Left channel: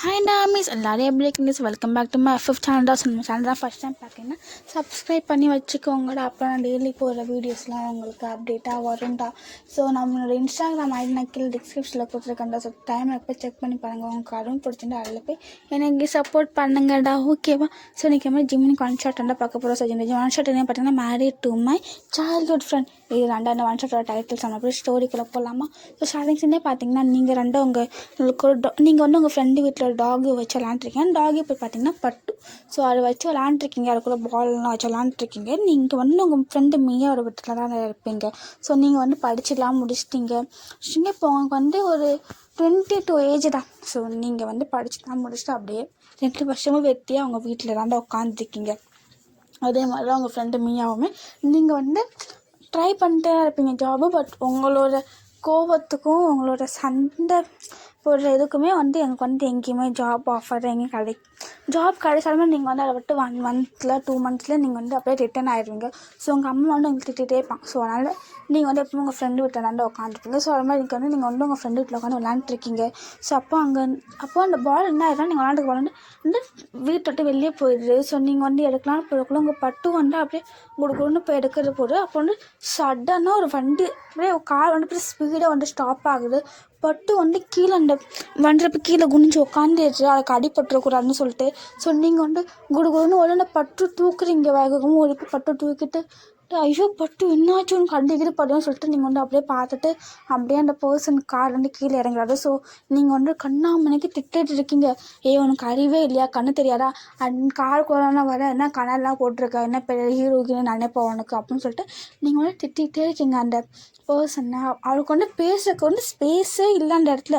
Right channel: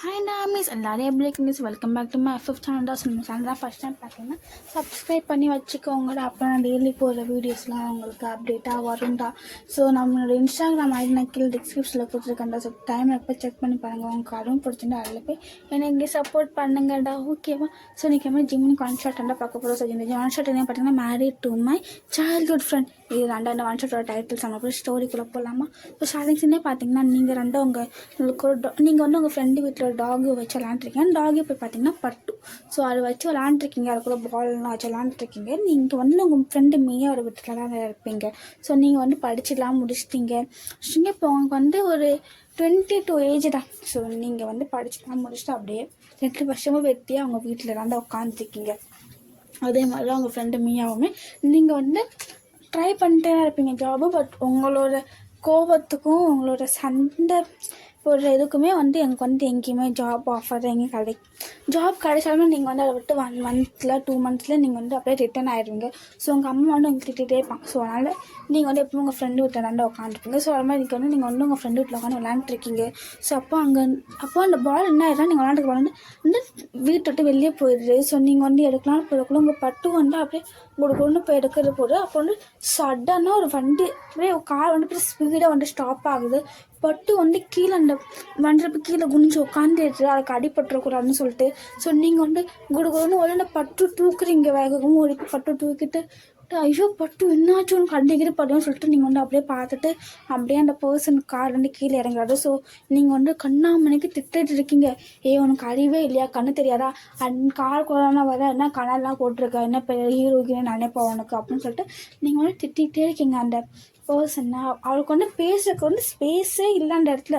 Hi நாமிஸ் எல்லாரும் எப்படி இருக்கீங்க? Welcome back to my fifth channel. நம்ம சேனல் ஃபஸ்ட் டைம் பார்க்கீங்கன்னா சப்ஸ்கிரைப் பண்ணி வச்சுக்கோங்கடா. அப்போ நான் டெய்லி போகிற வீடியோஸ்லாம் உங்களுக்கு அப்டேட்டாக வரும்டா. ஸோ நம்மளோட இன்ஸ்டாகிராம் ஐடி நான் கீழே டிஸ்கிரிப்ஷனில் கொடுத்துருக்கேன்டா. ஸோ டைம் எப்போ செக் பண்ணி பாருங்கள். உங்களுக்கு அதுவும் பிடிச்சிருந்தா அதில் போய் எனக்கு சப்போர்ட் பண்ணுங்கடா, ஓகேவா? ஸோ இன்றைக்கி மாதிரி ஜிம்மின் ஒன் ஷாட் பார்க்க போகிறோம். ஸோ இந்த ஒன் ஷாட் என்ன பார்த்தீங்கன்னா married to my childhood friend. இது ரெண்டாவது ஒன் ஷாட்டோட டைட்டில்ஸ் நம்ம போய் ஸ்டோரிக்குள்ளே போகலாமா? ஸோ ஸ்டார்டிங்ஸ்லேயே பார்த்தீங்கன்னா நீங்கள் ரெண்டும் நீங்கள் வந்து உங்கள் ஃப்ரெண்டு வீட்டில் டாகு வச்சு விளாண்டுருக்கீங்க. டாகு இப்போ பார்த்தீங்கன்னா பட்டு. ஸோ அதை வச்சு விளாண்டுருக்கீங்க, அது கூட பால்லாம் வச்சு விளாண்டுருக்கீங்க. நீங்கள் வந்து உங்கள் ஃப்ரெண்டு மீயோட வீட்டில் தான் இருப்பீங்க. ஸோ நீங்கள் வந்து படிச்சுலாம் முடிச்சிட்டிங்க. இப்போ உங்களுக்கு வந்து ஒரு 22 ஏஜ் தான். ஸோ நீங்கள் வந்து படிச்சுலாம் முடிச்சுட்டு அப்படியே 2 வருஷமும் வெட்டியாக அவங்க வீட்டில் தான் உட்காந்துருக்கீங்க. அதே மாதிரி தான் உங்கள் ஃப்ரெண்டு மீயாவுமே நீங்கள் வந்து ட்ரை பண்ணிட்டே இருப்பீங்க ஜாபு. பட் உங்களோட கோபத்துக்கும் உங்களோட சண்டை ஒரு இதுக்குமே வந்து எனக்கு வந்து எங்கேயுமே ஜாப் ஆஃபர் எங்கேயும் ஜாப் கிடைச்சாலுமே நீங்கள் வந்து அதை விட்டு 1 மந்த்தில் 2 மந்த்ஸில் நீங்கள் வந்து அப்படியே ரிட்டர்ன் ஆகிடுவீங்க. ஸோ உங்கள் அம்மா வந்து உங்களுக்கு திட்டே இருப்பாங்க. ஸோ அதனால் நீங்கள் வந்து எப்பவும் உங்கள் ஃப்ரெண்டு வீட்டில் வந்து உட்காந்துருப்பீங்க. ஸோ அது மாதிரி வந்து நீங்கள் வந்து உங்கள் ஃப்ரெண்டு வீட்டில் உட்காந்து விளாண்டுருக்கீங்க. ஸோ அப்போ அந்த பால் என்ன ஆகிடும், நீங்கள் விளாண்டுக்கு போகலான்னு வந்து வீட்டை விட்டு வெளியே போயிடுது. ஸோ நீங்கள் வந்து எடுக்கலாம் போடக்குள்ள உங்கள் பட்டு வந்து அப்படியே உங்களுக்கு ஒன்று போய் எடுக்கிறது போது அப்போ வந்து சடனாக ஒரு வண்டி அப்படியே கார் வந்து அப்படியே ஸ்பீடாக வந்து ஸ்டாப் ஆகுது. பட்டு வந்து கீழே அந்த வண்டியப்போ கீழே குனிஞ்சு உட்காந்துட்டு அதுக்கு அடிபட்டுறக்கூடாதுன்னு சொல்லிட்டு ஸோ நீங்கள் வந்து குடுகுடுன்னு உடனே பட்டு தூக்குறீங்க. வேகமும் ஒரு பட்டு தூக்கிட்டு ஐயோ பட்டு என்னாச்சும் உனக்கு அடிக்கடி படுன்னு சொல்லிட்டு நீங்கள் வந்து அப்படியே பார்த்துட்டு அப்படியே அந்த பர்சன் கார் வந்து கீழே இறங்குறாரு. ஸோ நீங்கள் வந்து கண்ணாமணிக்கு திட்டுட்டு இருக்கீங்க. உனக்கு அறிவே இல்லையா, கண்ணு தெரியாதா, கார் குழந்தை வர என்ன கனெல்லாம் போட்டிருக்க, என்ன பெரிய ஹீரோகின்னு நினைப்போம் உனக்கு அப்படின்னு சொல்லிட்டு நீங்கள் வந்து திட்டிகிட்டே இருக்கீங்க. அந்த பர்சனை அவளுக்கு வந்து பேசுறதுக்கு வந்து ஸ்பேஸே இல்லை அந்த இடத்துல.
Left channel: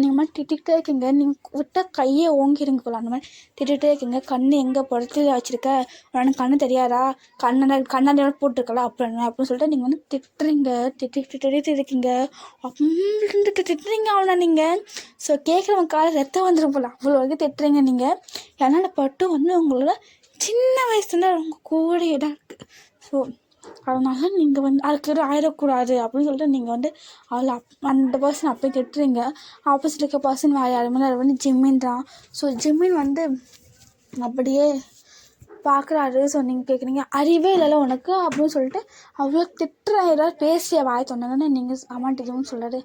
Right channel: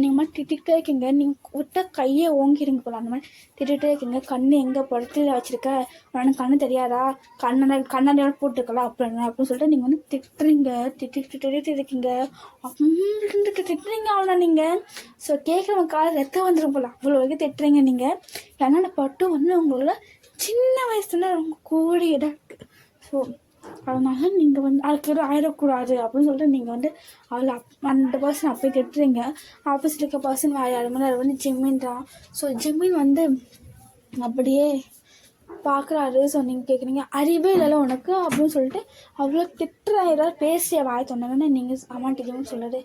நீங்கள் மாதிரி திட்டிகிட்டே இருக்கீங்க. நீங்கள் விட்ட கையை ஓங்கிறீங்க போல அந்த மாதிரி திட்டிகிட்டே இருக்கீங்க. கண்ணு எங்கே படத்தில் வச்சுருக்க, உனக்கு கண்ணு தெரியாதா, கண்ணாடி போட்டிருக்கலாம் அப்படின்னு சொல்லிட்டு நீங்கள் வந்து திட்டுட்டு இருக்கீங்க. அப்படின்னு திட்டுறீங்க அவனை நீங்கள். ஸோ கேட்குறவங்க ரத்தம் வந்துடும் போல அவ்வளோ வரைக்கும் திட்டுறீங்க நீங்கள். ஏன்னா பட்டு வந்து உங்களோட சின்ன வயசுல ரொம்ப கூடிய இதாக இருக்குது. ஸோ அதனால நீங்கள் வந்து அதுக்கு ஆயிடக்கூடாது அப்படின்னு சொல்லிட்டு நீங்கள் வந்து அவளை அந்த பர்சன் அப்படியே திட்டுறீங்க. ஆப்போசிட் இருக்க பர்சன் வேறு யாருமே அது வந்து ஜிம்மின் தான். ஸோ ஜிம்மின் வந்து அப்படியே பார்க்குறாரு. ஸோ நீங்கள் கேட்குறீங்க அறிவே இல்லைல்ல உனக்கு அப்படின்னு சொல்லிட்டு அவ்வளோ திட்டுற ஏதாவது பேசிய வாய் சொன்னாங்கன்னு நீங்கள் அம்மாட்ட ஜிம்மின் சொல்கிறாரு.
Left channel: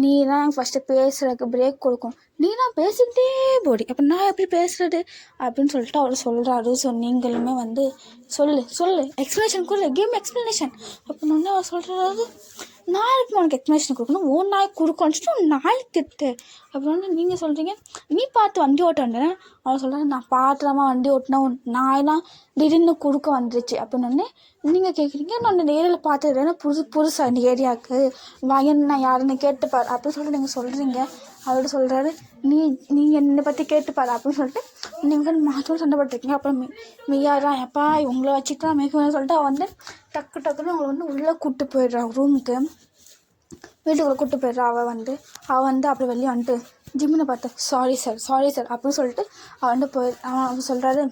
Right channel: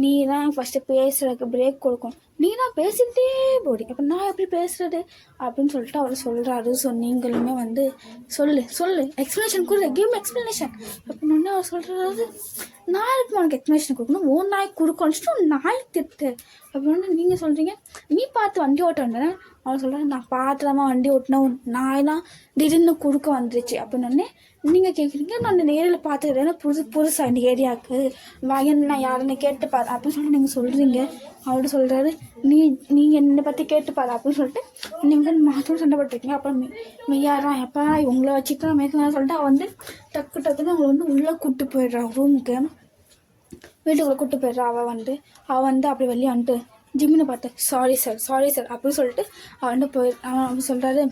நீ தான் ஃபஸ்ட்டு பேசுகிறதுக்கு பிரேக் கொடுக்கும், நீ தான் பேசிக்கிட்டே போடி, அப்போ நான் எப்படி பேசுகிறது அப்படின்னு சொல்லிட்டு அவர் சொல்கிறாரு. ஸோ நீங்களுமே வந்து சொல்லு எக்ஸ்ப்ளனேஷன் கொடு, கேம் எக்ஸ்ப்ளனேஷன் அப்படின்னு அவர் சொல்கிறாரு. நான் இருக்கு உனக்கு எக்ஸ்ப்ளனேஷன் கொடுக்கணும், ஓ நாய் கொடுக்கணும்னு நாய் திட்டு அப்படின்னு நீங்கள் சொல்கிறீங்க. நீ பார்த்து வண்டி ஓட்ட வந்தேன் அவர் சொல்கிறாரு. நான் பார்த்துலாமா வண்டி ஓட்டினா நாயெல்லாம் திடீர்னு குறுக்க வந்துருச்சு அப்படின்னு நீங்கள் கேட்குறீங்க. நான் அந்த ஏரியாவில் பார்த்துக்கிறேன், புதுசாக இந்த ஏரியாவுக்கு வயன் நான் யாருன்னு கேட்டுப்பார் அப்படின்னு சொல்லிட்டு நீங்கள் சொல்கிறீங்க. அவர் சொல்கிறாரு நீங்கள் என்னை பற்றி கேட்டுப்பார் அப்படின்னு சொல்லிட்டு நீங்கள் மாற்றோடு சண்டை போட்டுருக்கீங்க. அப்புறம் மெய்யாதான் எப்பா உங்களை வச்சுட்டு தான் மேய்க்கணும்னு சொல்லிட்டு அவள் வந்து டக்குன்னு அவங்களை வந்து உள்ளே கூப்பிட்டு போயிடுறான் ரூமுக்கு, வீட்டுக்குள்ளே கூப்பிட்டு போயிடுறா. அவள் வந்து அப்படி வெளியே வந்துட்டு ஜிம்மினை பார்த்து சாரி சார் அப்படின்னு சொல்லிட்டு அவன் சொல்கிறாரு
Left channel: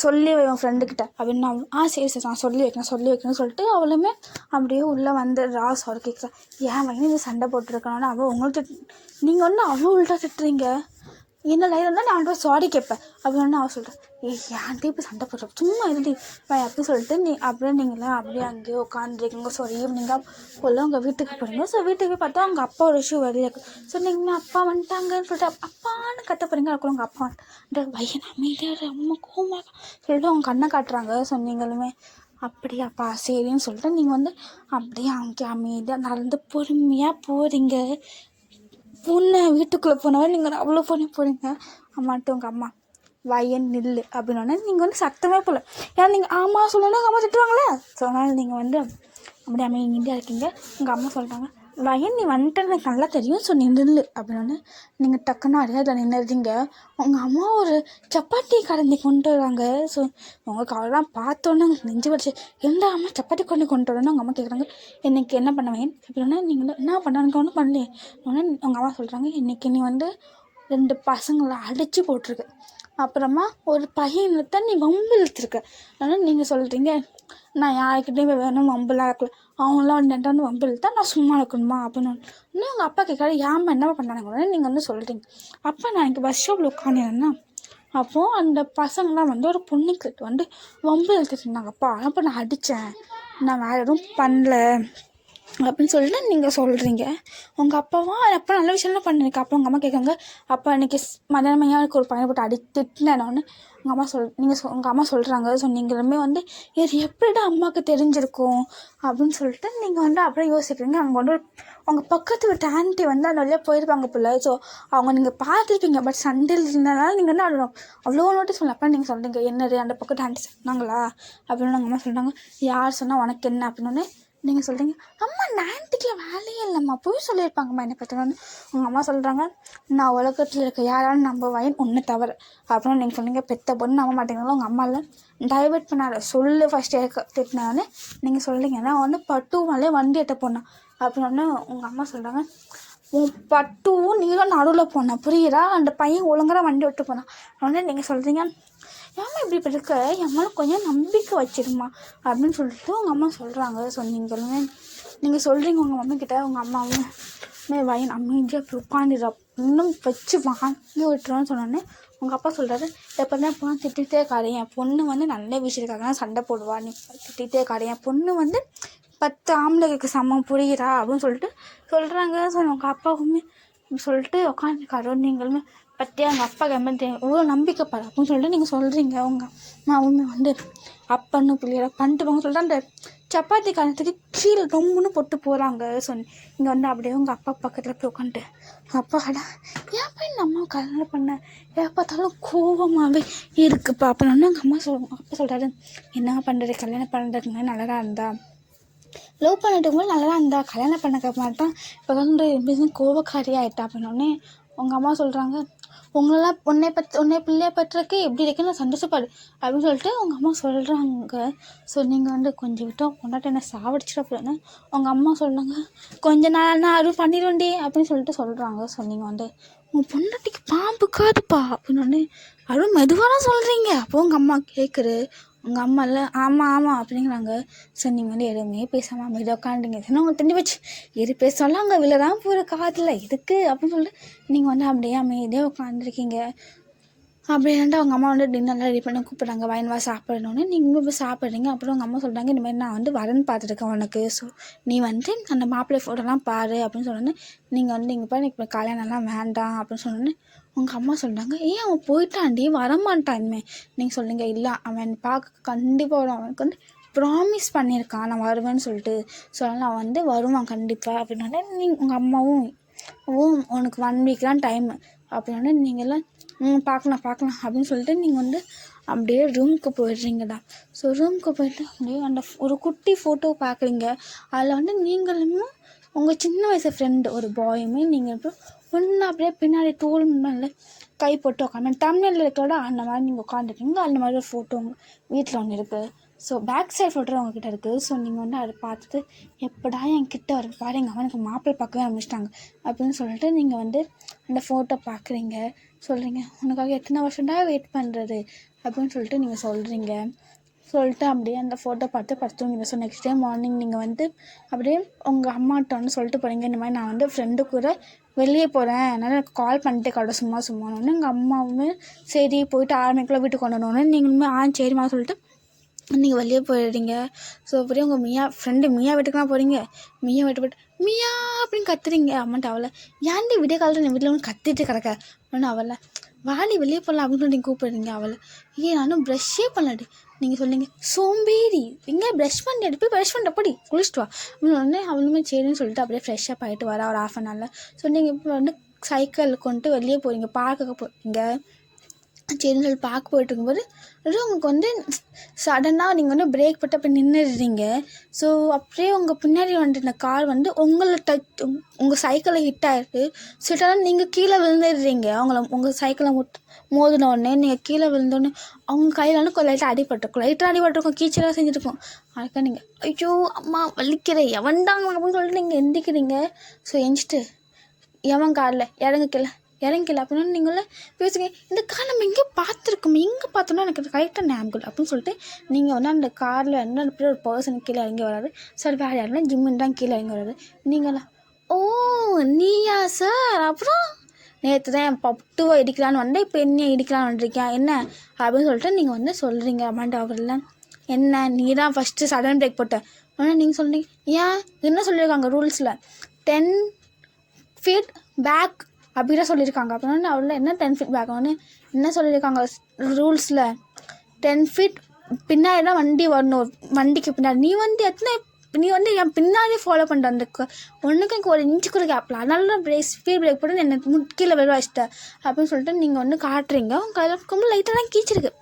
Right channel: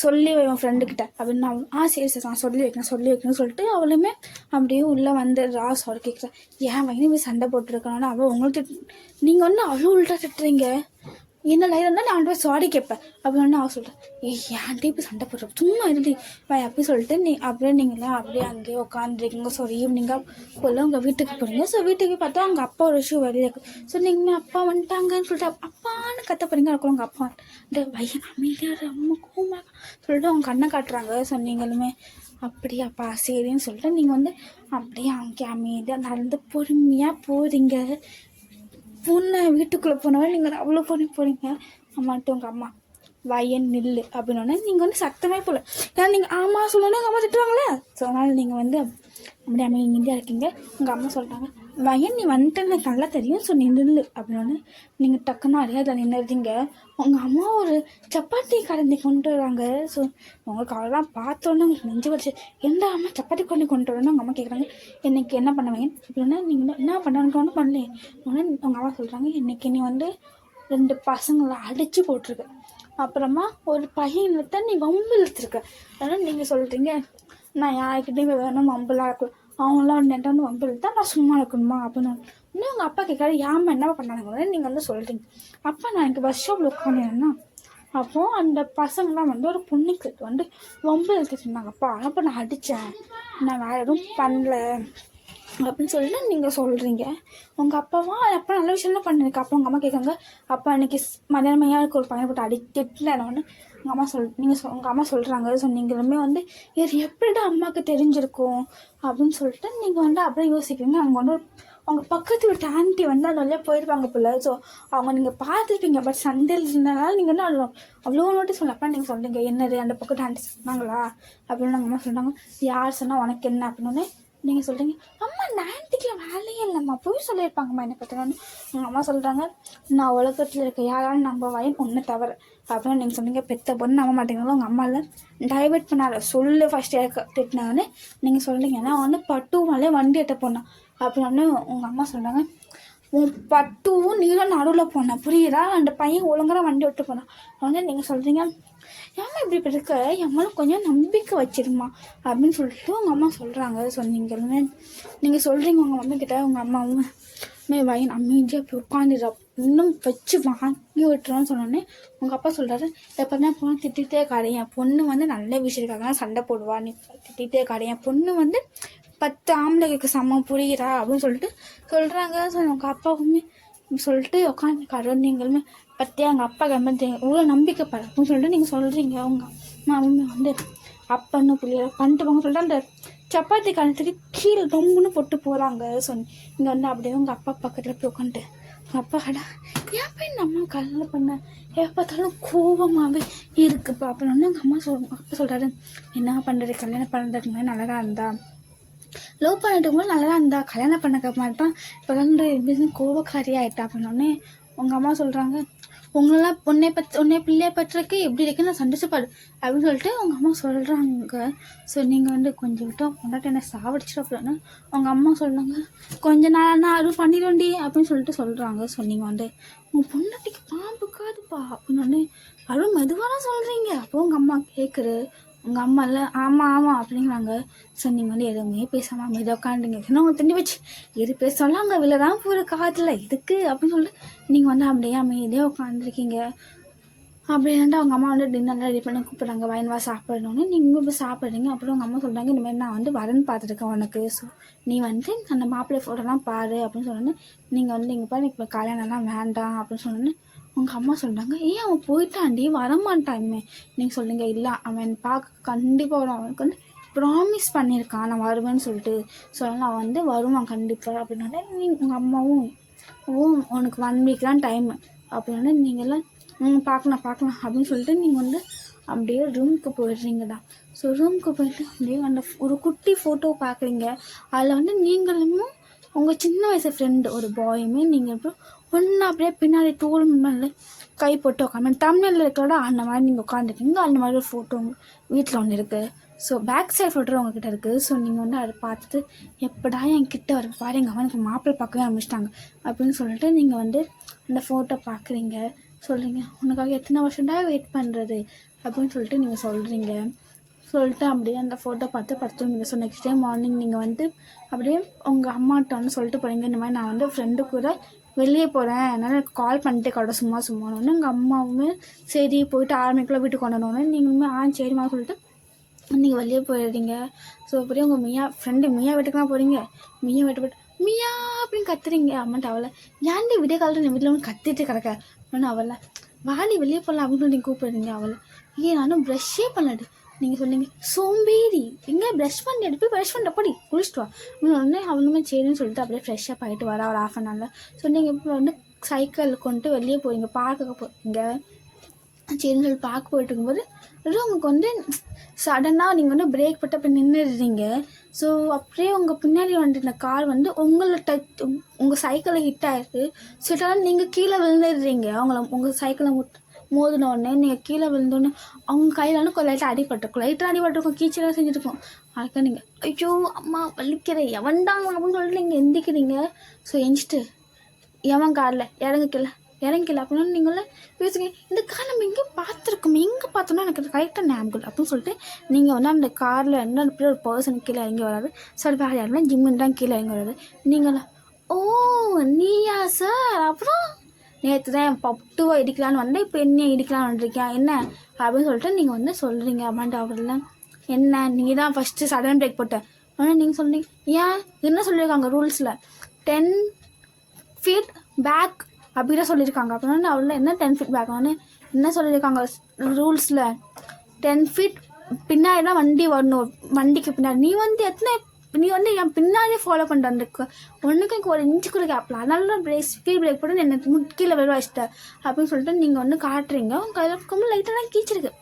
சொல்லி வை உன் ஃப்ரெண்டுக்கிட்ட அப்படின்னு. அவன் சரி சார் நான் சொல்லி வைக்கிறேன்னு சொல்லிட்டு அவளுமே அப்படியே உள்ளே வந்துடுறா. சொல்ல கேட்குறா ஏன் வயது இது சண்டை போட்டுருக்கணும்னு அவள் உங்களுக்கு நீங்கள் வந்து அவ்வளோ உள்ட்டா திட்டுறீங்க. என்ன லைட் இருந்தால் நான் போய் சாரி கேட்பேன் அப்படின்னு அவள் சொல்கிறேன். ஏன்ட்டு இப்போ சண்டை போடுற சும்மா இருடி அப்படி சொல்லிட்டு அப்படியே நீங்களாம் அப்படியே அங்கேயே உட்காந்துருக்கீங்க. ஸோ ஈவினிங்காக போல உங்கள் வீட்டுக்கு போகிறீங்க. ஸோ வீட்டுக்கு பார்த்தா அவங்க அப்பா ஒரு விஷயம் வெளியே இருக்குது. ஸோ நீங்கள் அப்பா வந்துட்டாங்கன்னு சொல்லிட்டு அப்பான்னு கத்த போகிறீங்க. அதுக்குள்ள உங்கள் அப்பா பையன் அமைதியாக அம்மா கோமாக சொல்லிட்டு அவங்க கண்ணை காட்டுறாங்க. ஸோ நீங்களுமே அப்படியாப்பா சரின்னு சொல்லிட்டு நீங்கள் வந்து அப்படியே அங்கே அமைதியாக நடந்து பொறுமையாக போகிறீங்க. வீட்டுக்குள்ளே போனவரை நீங்கள் அவ்வளோ போகிறீங்க. அம்மாட்டு உங்கள் அம்மா வயன் நில்லு அப்படின்னோடனே நீங்கள் வந்து சத்தமே போகல. ஏன்னா நீங்கள் ஆமாம் சொல்லணும்னா அம்மா திட்டுவாங்களே. ஸோ அதனால் நீங்கள் வந்து அப்படி அமைதியாக இருக்கீங்க. உங்கள் அம்மா சொல்கிறாங்க வயன் நீ வந்துட்டேன்னு எனக்கு நல்லா தெரியும், ஸோ நீ நில்லு அப்படின்னோடனே நீங்கள் டக்குன்னு அடையாள நின்றுறீங்க. உங்கள் அம்மா ஒரு சப்பாத்தி கலந்து கொண்டு வராங்க. ஸோ உங்களுக்கு அவெல்லாம் பார்த்தோன்னே உங்களுக்கு நெஞ்சு வச்சு எந்த அம்மா சப்பாத்தி கொண்டு வரணும்னு உங்கள் அம்மா கேட்குறாங்க. இன்றைக்கி என்ன பண்ணுவேன் அப்படின்னா நீங்கள் என்ன பண்ணானுக்கு ஒன்றும் பண்ணல. உடனே உங்கள் அம்மா சொல்கிறாங்க இன்றைக்கி நீ வந்து 2 பசங்களை அடித்து போட்டிருக்கு, அப்புறமா ஒரு பையனை நீ வம்பு இழுத்துருக்க. அதனால் நீங்கள் சொல்கிறீங்க நான் யார்கிட்டையும் வேணும் வம்புலாம் இருக்கலாம். அவங்களாம் வந்து என்கிட்ட வந்து வம்பில் தான் நான் சும்மா இருக்கணுமா அப்படின்னு இன்னும் உங்கள் அப்பா கேட்காது ஏமா என்ன பண்ணானுங்க நீங்கள் வந்து சொல்கிறீங்க. அப்போ நான் எனக்கு பஸ் ஸ்டாப்பில் உட்காந்துருந்தேன்னா அப்போது அந்த பசங்களாம் வந்து ஒரு பொண்ணுக்கிட்ட வந்து வம்பு இழுத்துட்டு இருந்தாங்கப்பா. அப்போ நான் அடித்தேன், நான் வேறு எதுவும் பண்ணல அப்படின்னு சொல்லிட்டு நீங்கள் சொல்கிறீங்க. உங்கள் அப்பாவா அப்போ நல்ல விஷயம்லாம் பண்ணியிருக்கேன். அப்போ உங்கள் அம்மா கேட்குறாங்க, அப்பா அன்றைக்கி மதியானமையாக எனக்கு ஒரு பையனை போட்டு திட்டினேன்னு உங்கள் அம்மா உங்கள் அம்மா சொல்கிறாங்க. ஸோ நீங்களுமே வந்து இது எப்படிடா அம்மாவுக்கு தெரிஞ்சிருக்கும் அப்படின்னு சொல்லிட்டு நீங்கள் வந்து அப்படியே யோசிக்கிறீங்க. அங்கே வந்து அவங்க பக்கத்து வீட்டு ஆண்டி வந்து அந்த வழியாக போயிருப்பாங்க போல. ஸோ அவங்க நீங்கள் பார்த்துருப்பீங்க. பட் சண்டையில் இருந்ததுனால நீங்கள் வந்து அவ்வளோ நோட்டீஸ் பண்ணல. அப்போ நீங்கள் சொல்கிறீங்க என்னது அந்த பக்கத்து ஆண்டி சொன்னாங்களா அப்படின்னு உங்கள் அம்மா சொல்கிறாங்க. யார் சொன்னால் உனக்கு என்ன அப்படின்னு நீங்கள் சொல்கிறீங்க. அம்மா அந்த ஆன்ட்டிக்கெலாம் வேலையே இல்லைம்மா, போய் சொல்லியிருப்பாங்கம்மா என்னை பற்றினோன்னு உங்கள் அம்மா சொல்கிறாங்க. நான் உலகத்தில் இருக்க யாராலும் நம்ப வயன் ஒன்று தவிர அப்படின்னு நீங்கள் சொன்னீங்க. பெத்த பொண்ணு நம்ப மாட்டேங்கிறாலும் உங்கள் அம்மாவில் டைவெர்ட் பண்ணாத சொல்லு ஃபஸ்ட்டு திட்டினானே நீங்கள் சொல்கிறீங்க. நான் வந்து பட்டுனாலே வண்டி எட்ட போனேன் அப்படின்னு உங்கள் அம்மா சொல்கிறாங்க. உன் பட்டுவும் நீங்களும் நடுவில் போனேன் புரியுதா, அந்த பையன் ஒழுங்காக வண்டி விட்டு போனான் உடனே நீங்கள் சொல்கிறீங்க. ஏமா இப்படி இருக்க, என் மேலே கொஞ்சம் நம்பிக்கை வச்சிருமா அப்படின்னு சொல்லிட்டு உங்கள் அம்மா சொல்கிறாங்க. சொன்னீங்களுமே நீங்கள் சொல்கிறீங்க உங்கள் அம்மா கிட்ட. உங்கள் அம்மாவும் வயன் அமைதியாக அப்படி உட்காந்துடுறா இன்னும் வச்சு வாங்கி விட்டுருன்னு சொன்னோன்னே உங்கள் அப்பா சொல்கிறாரு, எப்போவுமே பொண்ணு திட்டிகிட்டே காடு, என் பொண்ணு வந்து நல்ல விஷயத்துக்காக சண்டை போடுவா, நீ திட்டிகிட்டே காடு, என் பொண்ணு வந்து 10 ஆம்பளைக்கு சமம் புரிகிறா அப்படின்னு சொல்லிட்டு சொல்கிறாங்க. ஸோ உங்கள் அப்பாவுமே சொல்லிட்டு உட்காந்துருக்காரு. நீங்களுமே பற்றியா அவங்க அப்பா கம்பெனி இவ்வளோ நம்பிக்கைப்பட அப்படின்னு சொல்லிட்டு நீங்கள் சொல்கிறீங்க. அவங்க அம்மாவுமே வந்து அப்பன்னு பிள்ளையெல்லாம் பண்ணிட்டு போங்க சொல்லிட்டு அந்த சப்பாத்தி காலத்துக்கு கீழே ரொம்பன்னு போட்டு போகிறாங்க. ஸோ இங்கே வந்து அப்படியே உங்கள் அப்பா பக்கத்தில் போய் உட்காந்துட்டு உங்கள் அப்பா கடை ஏன் போய் இந்த அம்மா கல்யாணம் பண்ண எப்போ பார்த்தாலும் கோபமாகவே இருக்குப்பா அப்படின்னு எங்கள் அப்பா சொல்கிறாரு. என்ன பண்ணுறது, கல்யாணம் பண்ணுறதுக்கு முன்னாடி நல்லா இருந்தா, லவ் பண்ணிட்டு போது நல்லா இருந்தா, கல்யாணம் பண்ணக்க மாதிரி தான் இப்போ வந்து பிஸ்னஸ் கோபக்காரி ஆகிட்டா அப்படின்னோடனே உங்கள் அம்மா சொல்கிறாங்க. உங்களெல்லாம் உன்னை பிள்ளையை பற்றிருக்கு எப்படி இருக்குன்னு சந்தோஷப்படு அப்படின்னு சொல்லிட்டு உங்கள் அம்மா சொல்கிறாங்க. ஸோ நீங்கள் வந்து கொஞ்சம் விட்டோம் பொண்டாட்டி என்ன சாவடிச்சிட அப்படின்னு உங்கள் அம்மா சொல்கிறாங்க. கொஞ்ச நாள் நான் அருள் பண்ணிடுவேன்டி அப்படின்னு சொல்லிட்டு சொல்கிறாங்க. ஸோ நீங்கள் வந்து உங்கள் பொண்டாட்டிக்கு பாம்பு காதுப்பா அப்படின்னு அருள் மெதுவாக தான் சொல்கிறீங்க. அப்போது உங்கள் அம்மா கேட்குறு. உங்கள் அம்மா இல்லை ஆமாம் அப்படிங்கிறாங்க. ஸோ நீங்கள் வந்து எதுவுமே பேசாமல் அமைதியாக உட்காந்துங்க. ஏன்னா உங்களுக்கு தெரிஞ்சு வச்சு எது பேசலாம் அங்கே விழதான் போகிற காதில் இதுக்கு அப்படின்னு சொல்லிட்டு நீங்கள் வந்து அப்படியே அமைதியாக உட்காந்துருக்கீங்க. அப்படின்ட்டு அவங்க அம்மா வந்து டின்னர்லாம் ரெடி பண்ணி கூப்பிட்றாங்க. வயன்வா சாப்பிடணுன்னு நீங்களும் போய் சாப்பிட்றீங்க. அப்புறம் உங்கள் அம்மா சொல்கிறாங்க, இந்தமாதிரி நான் வந்து வரன் பார்த்துருக்கேன் உனக்கு, ஸோ நீ வந்து அந்த மாப்பிள்ளை ஃபோட்டோலாம் பாரு அப்படின்னு சொன்னோன்னே நீங்கள் வந்து இங்கே போய் எனக்கு கல்யாணம்லாம் வேண்டாம் அப்படின்னு சொன்னோன்னே உங்கள் அம்மா சொல்கிறாங்க. ஏன் அவன் போயிட்டான்டி வரமாட்டான்மே நீங்கள் சொல்லுங்க. இல்லை அவன் பார்க்க கண்டிப்பாக வரும், அவனுக்கு வந்து ப்ராமிஸ் பண்ணியிருக்கான் நான் வருவேன்னு சொல்லிட்டு, ஸோ அதனால் அவன் வந்து வருவான் கண்டிப்பாக அப்படின்னோடனே உங்கள் அம்மாவும் உனக்கு 1 வீக் தான் டைமு அப்படின்னோடனே நீங்கள்லாம் பார்க்கலாம் அப்படின்னு சொல்லிட்டு நீங்கள் வந்து அப்படியே ரூமுக்கு போயிடுறீங்கடா. ஸோ ரூமுக்கு போயிட்டு அப்படியே அந்த ஒரு குட்டி ஃபோட்டோ பார்க்குறீங்க. அதில் வந்து நீங்களும் உங்கள் சின்ன வயசு ஃப்ரெண்டு ஒரு பாயுமே நீங்கள் இப்போ ஒன்றா அப்படியே பின்னாடி டூல் முன்னாடி கை போட்டு உட்காந்து தமிழில் இருக்கோட அந்த மாதிரி நீங்கள் உட்காந்துருக்கீங்க. அந்த மாதிரி ஒரு ஃபோட்டோ உங்கள் வீட்டில் ஒன்று இருக்குது. ஸோ பேக் சைட் ஃபோட்டோ உங்ககிட்ட இருக்குது. ஸோ நீங்கள் வந்து அதை பார்த்துட்டு எப்படா என்கிட்ட வர பாரு எங்கள் அவனுக்கு மாப்பிள்ளை பார்க்கவே ஆரம்பிச்சிட்டாங்க அப்படின்னு சொல்லிட்டு நீங்கள் வந்து அந்த ஃபோட்டோ பார்க்குறீங்க. சொல்கிறீங்க உனக்காக எத்தனை வருஷம்டா வெயிட் பண்ணுறது அப்படின்னு சொல்லிட்டு நீங்கள் சொல்கிறீங்க. சொல்லிட்டு அப்படியே அந்த ஃபோட்டோ பார்த்து படுத்துவீங்க. ஸோ நெக்ஸ்ட் டே மார்னிங் நீங்கள் வந்து அப்படியே உங்கள் அம்மாட்ட வந்து சொல்லிட்டு போகிறீங்க, இந்த மாதிரி நான் வந்து ஃப்ரெண்டு கூட வெளியே போகிறேன், அதனால் எனக்கு கால் பண்ணிட்டு கடை சும்மானோன்னு எங்கள் அம்மாவுமே சரி போயிட்டு 6 மணிக்குள்ளே வீட்டுக்கு கொண்டோன்னு நீங்களுமே சரிம்மா சொல்லிட்டு நீங்கள் வெளியே போயிடுறீங்க. ஸோ அப்படியே உங்கள் ஃப்ரெண்டு மியா வீட்டுக்குலாம் போகிறீங்க. மியா வீட்டு மியா அப்படின்னு கத்துறீங்க. அம்மாட்ட அவளை ஏன்டி விடிய காலத்தில் என் வீட்டில் ஒன்று கத்திட்டு கிடக்க ஒன்று அவளை வாடி வெளியே போகலாம் அப்படின்னு சொல்லி நீங்கள் கூப்பிடுறீங்க. அவளை நானும் ப்ரஷ்ஷே பண்ணலாடி நீங்கள் சொல்லிங்க சோம்பேறி எங்கே ப்ரஷ் பண்ணி எடுத்து ப்ரஷ் பண்ணிட்டு போடி குளிச்சுட்டு வா அப்படின்னு உடனே அவளுமே சரின்னு சொல்லிட்டு அப்படியே ஃப்ரெஷ்ஷாக ஆகிட்டு வரா ஒரு 1/2 hour. ஸோ நீங்கள் இப்போ வந்து சைக்கிளில் கொண்டு வெளியே போகிறீங்க, பார்க்க போகிறீங்க. சரின்னு சொல்லி பார்க்க போயிட்டு இருக்கும்போது உங்களுக்கு வந்து சடனாக நீங்கள் வந்து பிரேக் போட்டு அப்போ நின்றுடுறீங்க. ஸோ அப்படியே உங்கள் பின்னாடி வந்துட்டு இந்த கார் வந்து உங்களை உங்கள் சைக்கிளை ஹிட் ஆகிடுது. சடனாக நீங்கள் கீழே விழுந்துடுறீங்க. உங்கள் சைக்கிளை மோதின உடனே நீங்கள் கீழே விழுந்தோடனே அவங்க கையில் வந்து லைட்டாக அடிபட்டிருக்கும் கீச்சலாக செஞ்சுருக்கும். அதுக்காக நீங்கள் ஐயோ அம்மா வலிக்கிறேன் எவன்டாங்க அப்படின்னு சொல்லிட்டு நீங்கள் எந்திக்கிறீங்க. ஸோ எந்திச்சிட்டு எவன் காரில் இறங்க கீழே இறங்கில அப்படின்னு நீங்களே யோசிங்க, இந்த கார் நம்ம எங்கே பார்த்துருக்கோமே, எங்கே பார்த்தோம்னா எனக்கு கரெக்டாக ஞாபகம் அப்படின்னு சொல்லிட்டு நீங்கள் வந்து அந்த காரில் என்ன ஒரு பர்சன் கீழே இறங்கி வராது. சார் வேறு யாருன்னா ஜிம்முன்னு தான் கீழே இறங்கி வராது. நீங்களா ஓ நீயா சார், அப்புறம் நேற்று தான் என் பட்டுவை இடிக்கலான்னு வந்தேன், இப்போ என்ன இடிக்கலான்னு வந்துருக்கேன் என்ன அப்படின்னு சொல்லிட்டு நீங்கள் வந்து சொல்கிறீங்க. அம்மாண்ட அவரில் என்ன நீ தான் ஃபஸ்ட்டு சடன் பிரேக் போட்ட ஆனால் நீங்கள் சொல்கிறீங்க. ஏன் என்ன சொல்லியிருக்காங்க ரூல்ஸில் 10 feet பேக் அப்படி தான் சொல்லியிருக்காங்க. அப்படின்னா அவரில் என்ன 10 feet பேக் வந்து என்ன சொல்லியிருக்காங்க ரூல்ஸில் 10 feet பின்னாடி தான் வண்டி வரணும், வண்டிக்கு பின்னாடி நீ வந்து என் பின்னாடியே ஃபாலோ பண்ணிட்டு வந்துருக்கு, ஒன்றுக்கு எனக்கு ஒரு இன்ச்சு கூட கேப்பில், அதனால தான் ஸ்பீட் பிரேக் போட்டு என்னை முக்கியில் வெளில வச்சிட்டேன் அப்படின்னு சொல்லிட்டு நீங்கள் வந்து காட்டுறீங்க. உங்கள் கையில் லைட்டாக தான் கீச்சிருக்கு,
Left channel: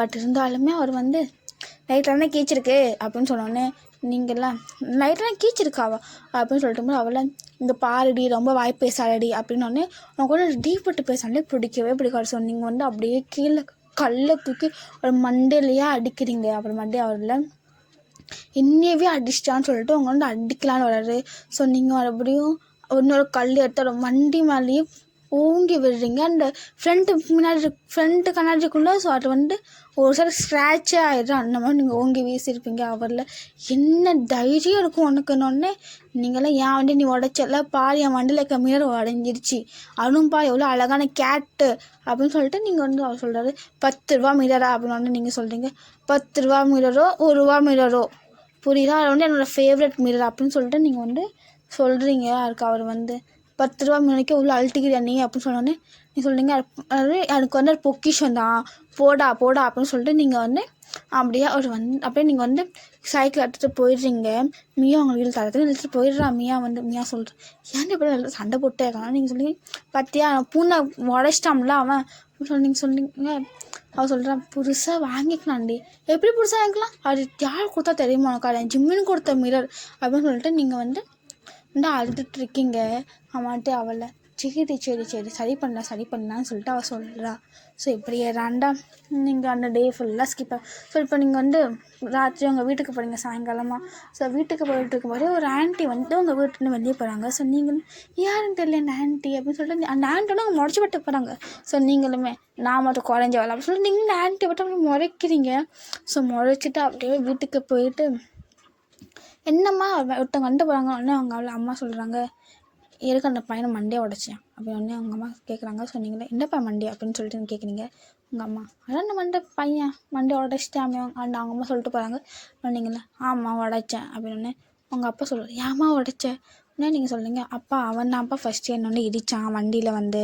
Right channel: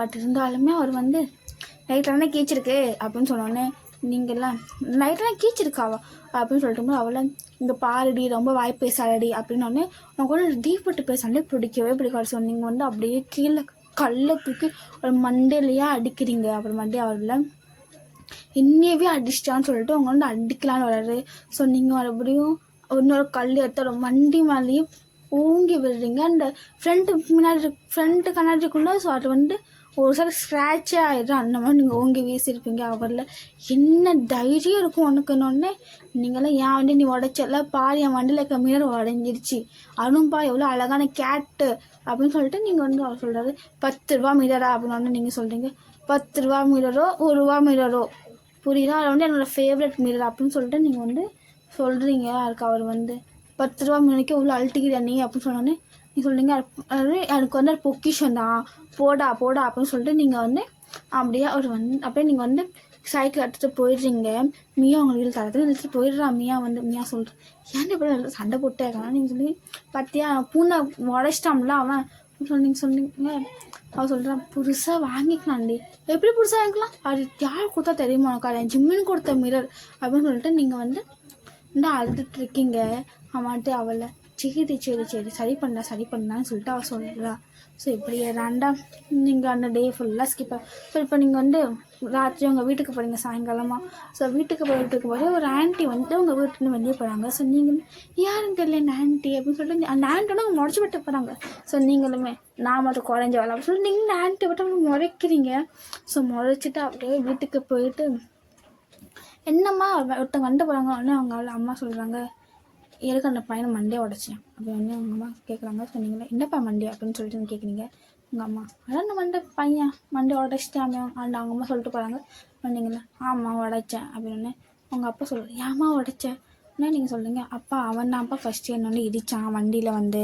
பட் இருந்தாலுமே அவர் வந்து லைட்டாக தான் கீச்சிருக்கு அப்படின்னு சொன்னோன்னே நீங்கள்லாம் லைட்டாக தான் கீச்சிருக்காவா அப்படின்னு சொல்லிட்டு அவளை இந்த பாருடி ரொம்ப வாய் பேசாடி அப்படின்னோடனே உனக்கு கூட டீப்பட்டு பேசாலே பிடிக்கவே பிடிக்காது. ஸோ நீங்கள் வந்து அப்படியே கீழே கல்லை தூக்கி ஒரு மண்டையிலையே அடிக்கிறீங்க. அப்புறம் மண்டே அவரில் இன்னவே அடிச்சிட்டான்னு சொல்லிட்டு அவங்க வந்து அடிக்கலான்னு வர்றாரு. ஸோ நீங்கள் மறுபடியும் இன்னொரு கல் எடுத்து வண்டி மேலேயே ஊங்கி விடுறீங்க. அந்த ஃப்ரண்ட்டு கண்ணாடிக்குள்ளே. ஸோ அது வந்து ஒரு சில ஸ்க்ராட்சே ஆகிடும், அந்த மாதிரி நீங்கள் ஓங்கி வீசியிருப்பீங்க. அவரில் என்ன தைரியம் இருக்கும் உனக்குன்னொன்னே நீங்களாம் ஏன் வண்டி நீ உடைச்சல பாரு, என் வண்டியில் இருக்க மிரர் உடஞ்சிருச்சு, அதுவும் பாரு எவ்வளோ அழகான கேட்டு அப்படின்னு சொல்லிட்டு நீங்கள் வந்து அவர் சொல்கிறாரு 10 ரூபா மிரரா அப்படின்னு நீங்கள் சொல்கிறீங்க. 10 ரூபா மிரரோ 1 ரூபா மிரரோ புரியுதா, அது வந்து என்னோடய ஃபேவரட் மிரர் அப்படின்னு சொல்லிட்டு நீங்கள் வந்து சொல்கிறீங்க. அதுக்கு அவர் வந்து 10 ரூபா மிரருக்கு இவ்வளோ அழட்டிக்கிறேன் நீ அப்படின்னு சொன்னோன்னே நீ சொல்கிறீங்க அது எனக்கு வந்து பொக்கிஷன் தான் போடா அப்படின்னு சொல்லிட்டு நீங்கள் வந்து அப்படியே அவர் வந்து அப்படியே நீங்கள் வந்து சைக்கிள் எடுத்துகிட்டு போயிடுறீங்க. மியா உங்களுக்கு தரத்துல எடுத்துகிட்டு போயிடுறா. மியா சொல்கிறேன் ஏன் இப்படி நல்லா சண்டை போட்டே இருக்காங்க. நீங்கள் சொல்லுங்க பார்த்தியா பூனை உடைச்சிட்டாம்ல அவன் சொன்னீங்க. அவன் சொல்கிறான் புதுசாக வாங்கிக்கலாம்டி. எப்படி புதுசாக வாங்கிக்கலாம், அது யார் கொடுத்தா தெரியுமா உனக்கு, ஜிம்மின்னு கொடுத்த மிரர் அப்படின்னு சொல்லிட்டு நீங்கள் வந்து அழுதுட்டு இருக்கீங்க. அவன்ட்டு அவளை சரி சரி பண்ணலான்னு சொல்லிட்டு அவள் சொல்கிறா. ஸோ இப்படியே ரெண்டாம் நீங்கள் அந்த டே ஃபுல்லாக ஸ்கிப். ஸோ இப்போ நீங்கள் வந்து ராத்திரி உங்கள் வீட்டுக்கு போகிறீங்க சாயங்காலமாக. ஸோ வீட்டுக்கு போகிற ஒரு ஆண்டி வந்து உங்கள் வீட்டுலேருந்து வெளியே போகிறாங்க. ஸோ நீங்களும் யாருன்னு தெரியல இந்த ஆண்டி அப்படின்னு சொல்லிட்டு அந்த ஆண்டியோட அவங்க முறைச்சி விட்டு போகிறாங்க. ஸோ நீங்களுமே நான் மட்டும் குறைஞ்ச வேலை அப்படின்னு சொல்லிட்டு நீங்கள் இந்த ஆண்டி விட்டு முறைக்கிறீங்க. ஸோ முறைச்சிட்டு அப்படியே வீட்டுக்கு போயிட்டு என்னம்மா ஒருத்தவங்க வந்துட்டு போகிறாங்க. உடனே அவங்க அம்மா சொல்கிறாங்க எதுக்கு அந்த பையனை மண்டையை உடைச்சேன் அப்படின்னு உடனே அவங்க அம்மா கேட்குறாங்க. சொன்னீங்களே என்னப்பா மண்டி அப்படின்னு சொல்லிட்டு கேட்குறீங்க. உங்கள் அம்மா அதான் அந்த பையன் மண்டை உடைச்சிட்டாமே அந்த அவங்க அம்மா சொல்லிட்டு போகிறாங்க. சொன்னீங்களே ஆமாம் உடைச்சேன் அப்படின்னு உங்கள் அப்பா சொல்லுவார் ஏம்மா உடைச்சேன் உடனே நீங்கள் சொல்லுங்க அப்பா அவன் தான்ப்பா ஃபஸ்ட்டு என்னொன்று இடித்தான் வண்டியில் வந்து,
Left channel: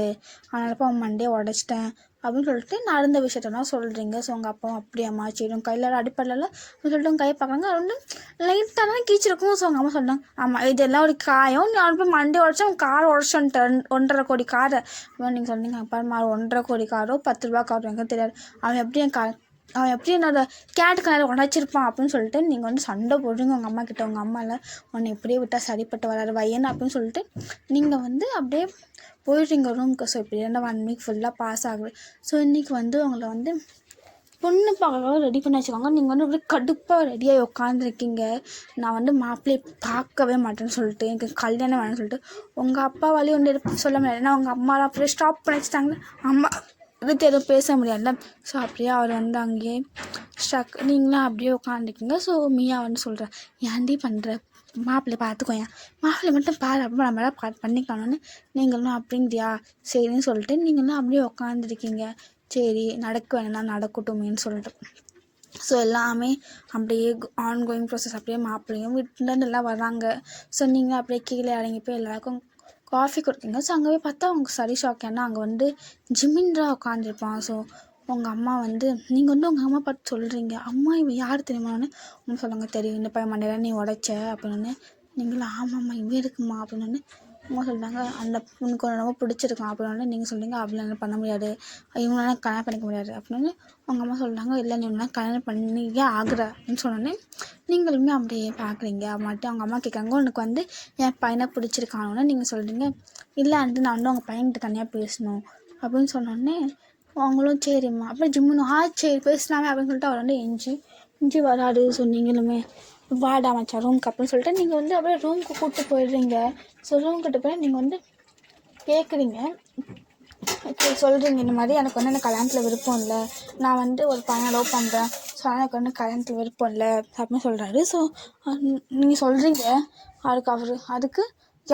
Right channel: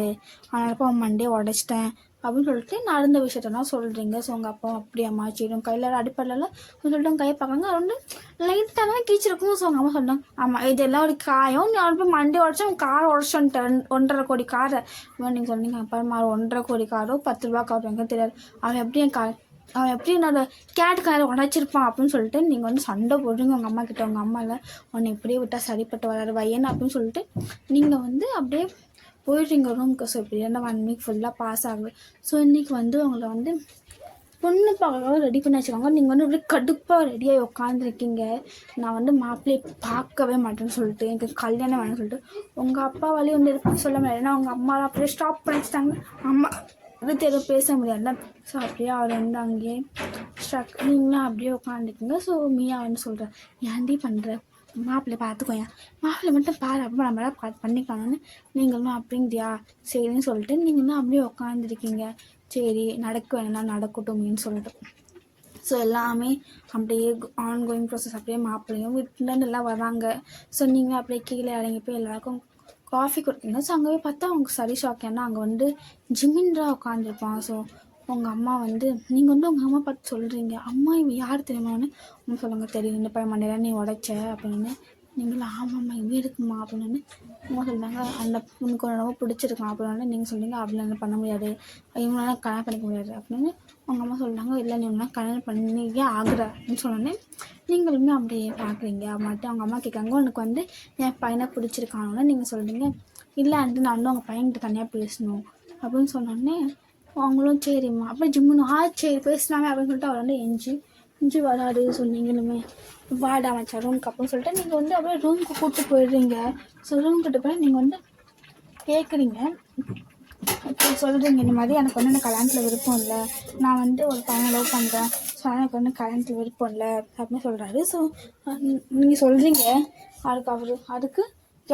அதனாலப்பா அவன் மண்டையை உடைச்சிட்டேன் அப்படின்னு சொல்லிட்டு நடந்த விஷயத்தான் சொல்கிறீங்க. ஸோ உங்கள் அப்பா அப்படியாம்மா சரி உங்கள் கையில் அடிப்படலாம் சொல்லிட்டு உங்கள் கையை பார்க்குறாங்க. அது வந்து லைட்டாக தான் கீச்சிருக்கும். ஸோ உங்கள் அம்மா சொன்னாங்க ஆமாம் இதெல்லாம் ஒரு காயம், நீ போய் மண்டை உடச்சா உங்கள் கார் உடச்சுன்ட்டேன் 1.5 கோடி காரை. நீங்கள் சொன்னீங்க அப்பா 1.5 கோடி காரோ 10 ரூபா காரோ எனக்கு தெரியாது, அவன் எப்படி என்னோட கேட்டு கலர் உடச்சிருப்பான் அப்படின்னு சொல்லிட்டு நீங்கள் வந்து சண்டை போடுறீங்க உங்கள் அம்மா கிட்ட. உங்கள் அம்மாவில் உன்னை இப்படியே விட்டால் சரிப்பட்டு வராது வையன் அப்படின்னு சொல்லிட்டு நீங்கள் வந்து அப்படியே போயிடுறீங்க ரூமுக்கு. ஸோ இப்படி 1 வீக் ஃபுல்லாக பாஸ் ஆகுது. ஸோ இன்றைக்கி வந்து உங்களை வந்து பொண்ணு பார்க்க ரெடி பண்ணி வச்சுக்கோங்க. நீங்கள் வந்து அப்படியே கடுப்பாக ரெடியாகி உட்காந்துருக்கீங்க. நான் வந்து மாப்பிள்ளையை பார்க்கவே மாட்டேன்னு சொல்லிட்டு எனக்கு கல்யாணம் வேணும்னு சொல்லிட்டு உங்கள் அப்பா வழி ஒன்று சொல்ல முடியாது. ஏன்னா அவங்க அம்மா அப்படியே ஸ்டாப் பண்ணி வச்சுட்டாங்க. அம்மா இதுக்கு எதுவும் பேச முடியாதுல்ல. ஸோ அப்படியே அவர் வந்து அங்கேயே நீங்களும் அப்படியே உட்காந்துருக்கீங்க. ஸோ மியா வந்து சொல்கிறேன் ஏன்டி பண்ணுற மாப்பிள்ளை பார்த்துக்கோயா, மாப்பிள்ளை மட்டும் பாரு அப்படின்னு நம்மளால பண்ணிக்கலாம்னு நீங்களும் அப்படிங்கிறியா சரின்னு சொல்லிட்டு நீங்களும் அப்படியே உட்காந்துருக்கீங்க. சரி நடக்க வேணும்னா நடக்கட்டுமேன்னு சொல்லிட்டு ஸோ எல்லாமே அப்படியே ஆன்கோயிங் ப்ராசஸ். அப்படியே மாப்பிள்ளையும் வீட்டிலேருந்து எல்லாம் வராங்க. ஸோ நீங்கள் அப்படியே கீழே இறங்கி போய் எல்லாருக்கும் காஃபி கொடுத்தீங்க. ஸோ அங்கே போய் பார்த்தா அவங்க சரி ஷாக், ஏன்னா அங்கே வந்து ஜிமின்றா உட்காந்துருப்பான். ஸோ உங்கள் அம்மா வந்து நீங்கள் வந்து உங்கள் அம்மா பார்த்து சொல்கிறீங்க அம்மா இவன் யார் தெரியுமான்னு அவங்க சொல்லுவாங்க தெரியும் இந்த பையன் மண்டையில நீ உடைச்ச அப்படின்னு. நீங்களும் ஆமாம்மா இவன் இருக்குமா அப்படின்னு அம்மா சொல்கிறாங்க அந்த உனக்கு ரொம்ப பிடிச்சிருக்கான் அப்படின்னு நீங்கள் சொல்கிறீங்க அப்படிலாம் பண்ண முடியாது, இவங்களால கல்யாணம் பண்ணிக்க முடியாது அப்படின்னு உங்கள் அம்மா சொல்கிறாங்க இல்லை நீ ஒன்றா கல்யாணம் பண்ணியே ஆகுற அப்படின்னு சொன்னோன்னே நீங்களுமே அப்படியே பார்க்குறீங்க. அப்படின்ட்டு அவங்க அம்மா கேட்குறாங்க உனக்கு வந்து என் பையனை பிடிச்சிருக்கானோன்னு நீங்கள் சொல்கிறீங்க இல்லை அண்டு நான் வந்து உங்கள் பையன்கிட்ட தனியாக பேசணும் அப்படின்னு சொன்னோடனே அவங்களும் சரிம்மா அப்புறம் ஜிம்முன்னு சரி பேசினாமே அப்படின்னு சொல்லிட்டு அவர் வந்து எஞ்சி வராது. ஸோ நீங்களுமே வாடா மச்சா ரூமுக்கு அப்படின்னு சொல்லிட்டு நீங்கள் வந்து அப்படியே ரூமுக்கு கூப்பிட்டு போயிடுறீங்க. ஸோ ரூம் கிட்ட போய் நீங்கள் வந்து கேட்குறீங்க இப்போ சொல்கிறீங்க இந்த மாதிரி எனக்கு வந்து எனக்கு கல்யாணத்தில் விருப்பம் இல்லை, நான் வந்து ஒரு பையனை லவ் பண்ணுறேன், ஸோ எனக்கு வந்து கல்யாணத்தில் விருப்பம் இல்லை அப்படின்னு சொல்கிறாரு. ஸோ நீங்கள் சொல்கிறீங்க அதுக்கு